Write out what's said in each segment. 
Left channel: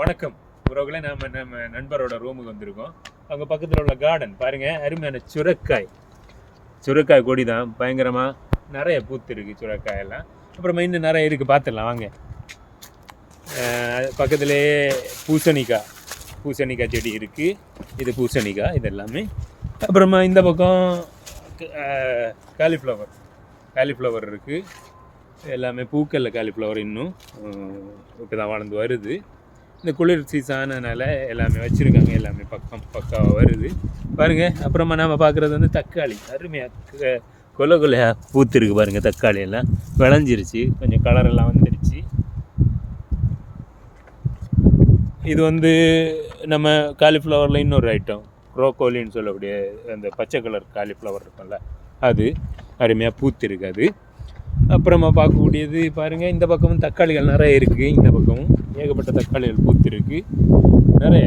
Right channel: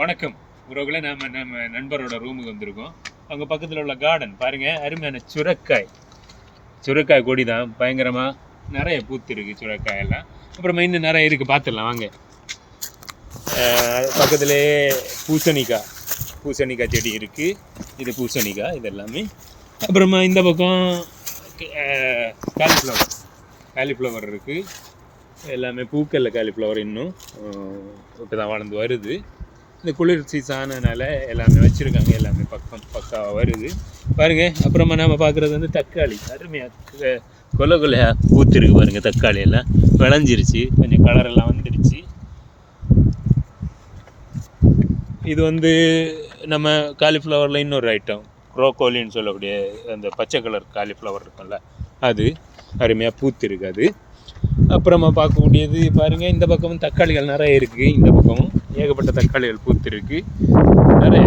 வணக்கம் உறவுகளே. நம்ம நண்பரோட ரூமுக்கு வந்திருக்கோம். அங்கே பக்கத்தில் உள்ள கார்டன் பாருங்கள், அருமையான சுரைக்காய் கொடி தான். பயங்கரமாக நிறைய பூத்துருக்கு சுரைக்காயெல்லாம். அப்புறமா இன்னும் நிறைய இருக்குது, பார்த்துடலாம் வாங்க. பக்கத்துலேயே பூசணிக்காய் செடி இருக்குது. இது பூசணிக்காய் இது எல்லாமே. அப்புறமா இந்த பக்கம் காலிஃப்ளவர் இருக்குது. எல்லாமே பூக்களில் காலிஃப்ளவர் இன்னும் இப்போ தான் வளர்ந்து வருது. இந்த குளிர் சீசனால எல்லாமே வச்சுருக்காங்க. எல்லாமே பக்காவாக வருது பாருங்கள். அப்புறமா நாம் பார்க்குறது வந்து தக்காளி. அருமையாக கொலையாக பூத்துருக்கு பாருங்கள். தக்காளி எல்லாம் விளைஞ்சிருச்சு, கொஞ்சம் கலரெல்லாம் வந்துடுச்சு. இது வந்து நம்ம காலிஃப்ளவரில் இன்னொரு ஐட்டம், க்ரோக்கோலின்னு சொல்லக்கூடிய அந்த பச்சை கலர் காலிஃப்ளவர் இருக்கும்ல, அது அருமையாக பூத்துருக்கு. அது அப்புறமா பார்க்கக்கூடியது பாருங்கள், இந்த பக்கமும் தக்காளிகள் நிறைய இருக்குது. இந்த பக்கமும் ஏகப்பட்ட தக்காளிகள் பூத்துருக்கு நிறைய.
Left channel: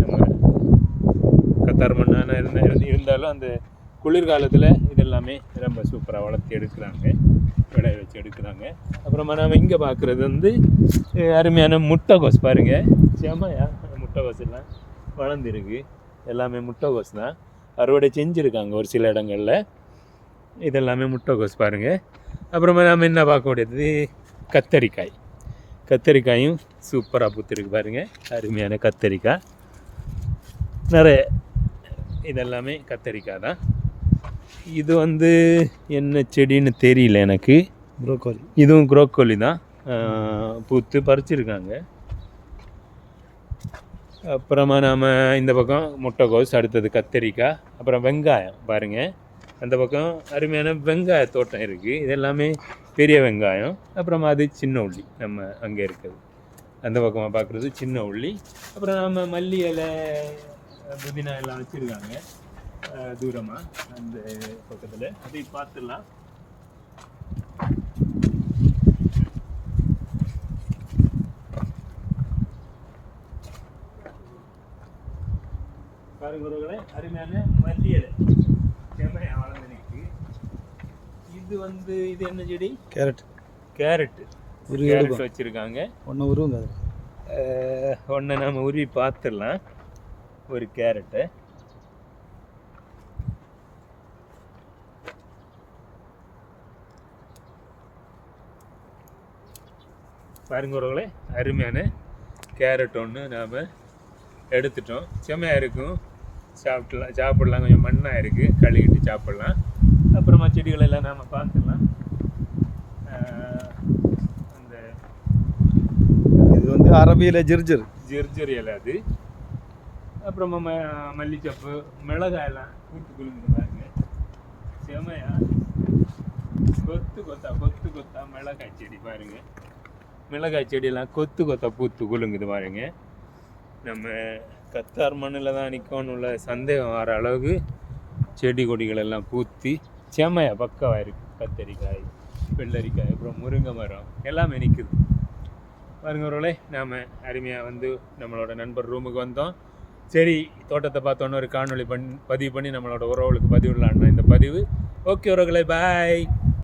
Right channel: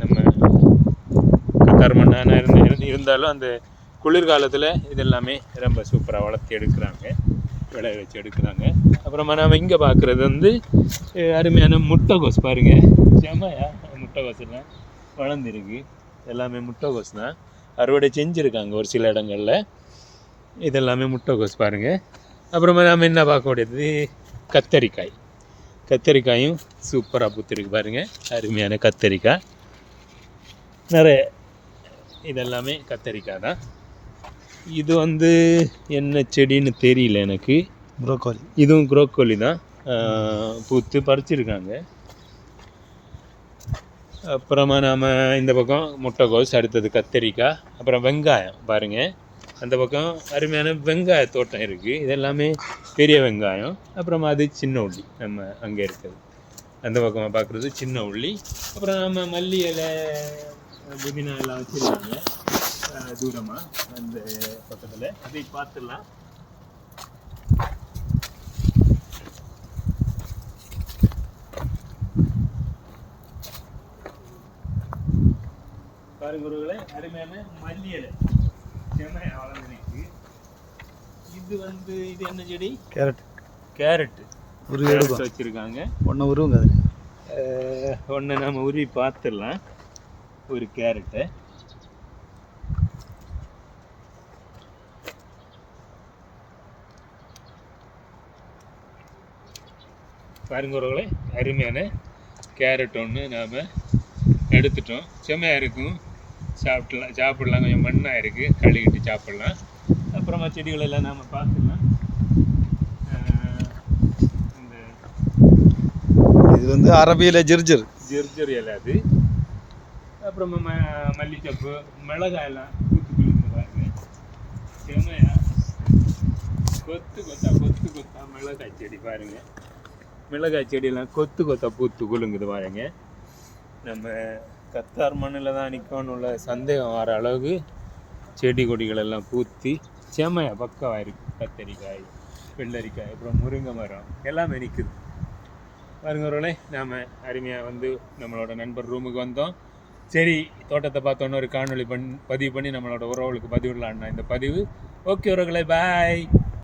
நம்ம கத்தார் மண்ணான இருந்தாலும் அந்த குளிர்காலத்தில் இதெல்லாமே ரொம்ப சூப்பராக வளர்த்து எடுக்கிறாங்க, விளைய வச்சு எடுக்கிறாங்க. அப்புறமா நாம் இங்கே பார்க்குறது வந்து அருமையான முட்டைகோஸ் பாருங்கள். செம்மையா முட்டைகோஸ் எல்லாம் வளர்ந்துருக்கு. எல்லாமே முட்டைகோஸ் தான், அறுவடை செஞ்சுருக்காங்க ஒரு சில இடங்களில். இதெல்லாமே முட்டைகோஸ் பாருங்கள். அப்புறமா நாம் என்ன பார்க்க முடியாது, கத்தரிக்காயும் சூப்பராக பூத்துருக்கு பாருங்கள். அருமையான கத்தரிக்காய் நிறைய. இதெல்லாமே கத்தரிக்காய் தான். இது வந்து என்ன செடின்னு தெரியல எனக்கு. ப்ரோக்கோலி. இதுவும் ப்ரோக்கோலி தான், பூத்து பறிச்சிருக்காங்க. அப்புறமா நாம் இந்த பக்கம் முட்டைகோஸ், அடுத்தது கத்தரிக்காய், அப்புறம் வெங்காயம் பாருங்கள். அந்த பக்கம் அருமையான வெங்காய தோட்டம் இருக்குது. இதெல்லாமே பெரிய வெங்காயம். அப்புறமா அது சின்ன உள்ளி, நம்ம அங்கே இருக்குது அந்த பக்கமாக பார்க்குறது சின்ன உள்ளி. அப்புறம் நம்ம மல்லி இலை, புதினா எல்லாம் வச்சுருக்காங்க தூரமாக அந்த பக்கத்தில். அதை பார்த்துடலாம். பாருங்களே, அருமையான மல்லி இலை செம்மையாக வளர்ந்துருக்கு. இது வந்து இது என்ன செடி? கேரட்டு வச்சுருக்காங்க. ஒன்று நம்ம உருவி பார்த்துடலாம். ஒரு கேரட்டை பாருங்களே, அருமையான கேரட் ஒன்று நாம் எடுத்துட்டோம். செம்மையாக இருக்கும், சாப்பிடலாம். கொஞ்சம் மண்ணாக இருக்குது, கழுவிட்டு சாப்பிட்லாம். அப்புறமா செடிகள் எல்லாம் நாம் பார்த்துக்கலாம். இந்த இது வந்து அரபியில் ஜிர்ஜர் இலை அது. அப்புறமா மல்லிச்சப்பு, மிளகாயெல்லாம் பூத்து பாருங்க. செமையா கொத்தா மிளகாய் செடி பாருங்கள். மிளகாய் செடியெல்லாம் கொத்தா பூத்து குலுங்குது பாருங்க. நம்ம கத்தார் மண்ணில் தான் நிற்கணும் உள்ள சந்தேகம் வர அளவுக்கு செடி கொடிகள் எல்லாம் பூத்தி செம்மையாக பக்கவாக இருக்குது. கத்தரிக்காய், வெள்ளரிக்காய், அப்புறம் முருங்கை மரம் எல்லாமே நிற்குது பாருங்களே. நாம் அருமையாக வந்து நம்மளோட நண்பர் ரூமுக்கு வந்தோம். சரி, தோட்டத்தை பார்த்தோன்னு ஒரு காணொளி பதிவு பண்ணி நம்மளோட உறவுகளுக்கு பதிவிடலான்னா இந்த பதிவு. ஓகே உறவுகளே, பாய்.